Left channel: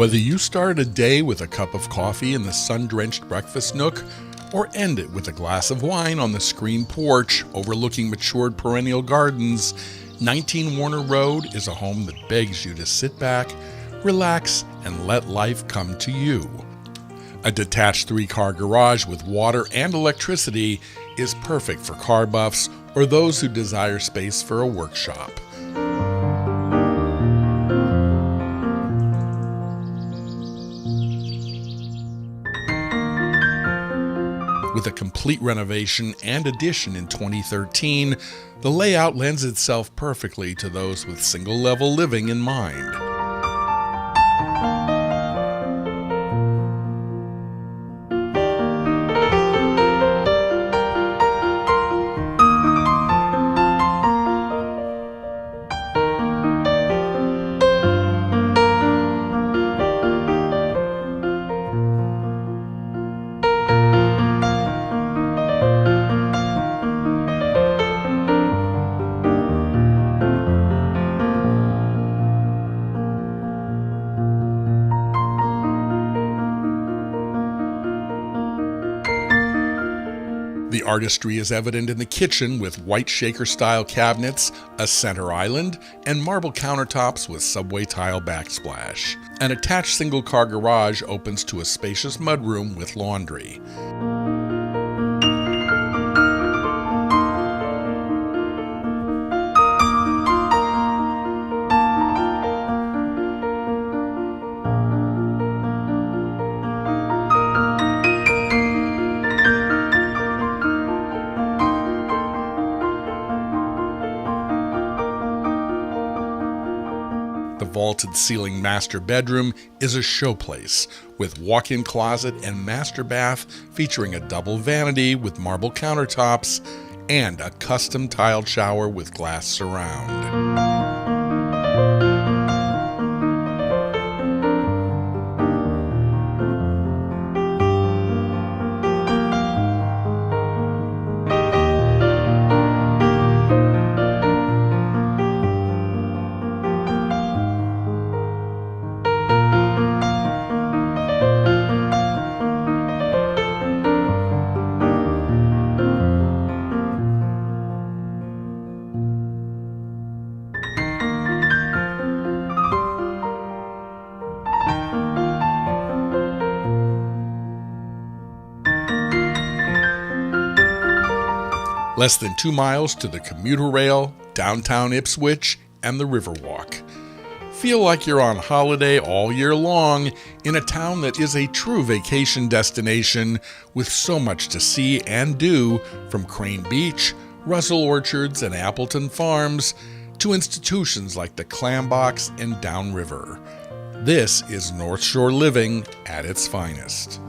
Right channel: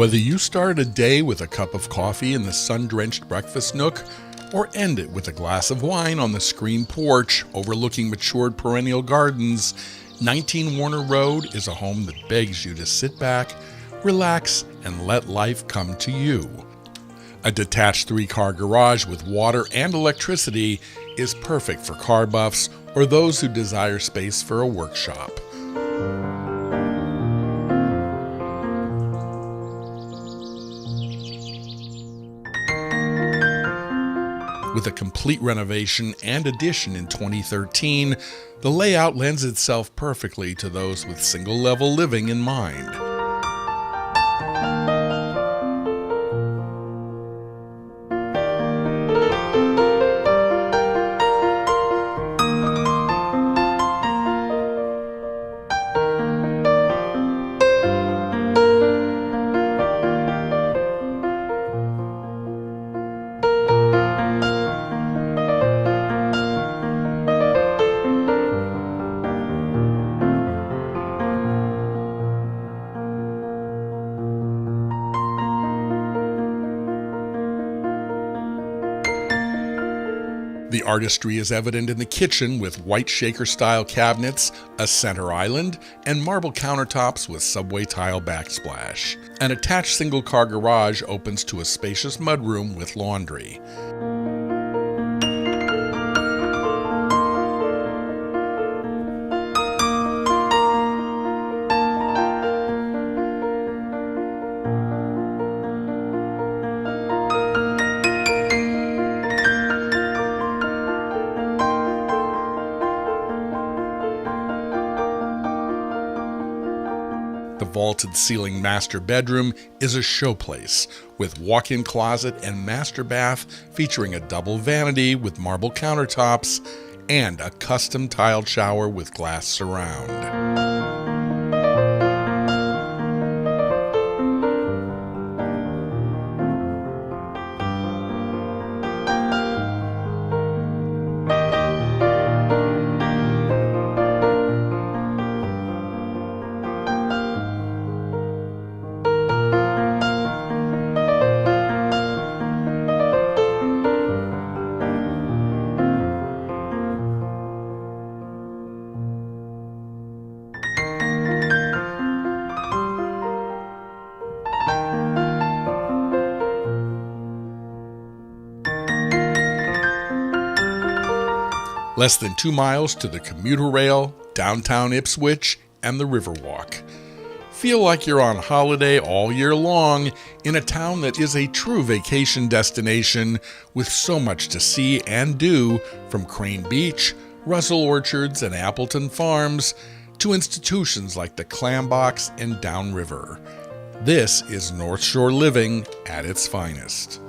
Whether you start a day with a cup of coffee in the sun-drenched breakfast nook, or end it with a glass of wine on the screened porch overlooking matured perennial gardens, 19 Warner Road is a home that begs you to sit back, relax, and let life come to you. A detached 3-car garage with water and electricity is perfect for car buffs or those who desire space for a workshop. With a complete renovation and addition in 2013, the layout lends itself perfectly to those with single-level living in mind. The artistry is evident in the kitchen with white shaker-style cabinets, a center island, and marble countertops with subway tile backsplash. An attached single-car garage opens to a spacious mudroom with laundry. The vaulted ceiling master bedroom is a showplace with walk-in closet and master bath featuring a double vanity with marble countertops and a custom tiled shower with glass surround. Less than 2 miles to the commuter rail, downtown Ipswich, and the Riverwalk. Feel like you're on holiday all year long in a town that is a true vacation destination with so much to see and do, from Crane Beach, Russell Orchards, and Appleton Farms, to institutions like the Clambox and Downriver. This is North Shore living at its finest.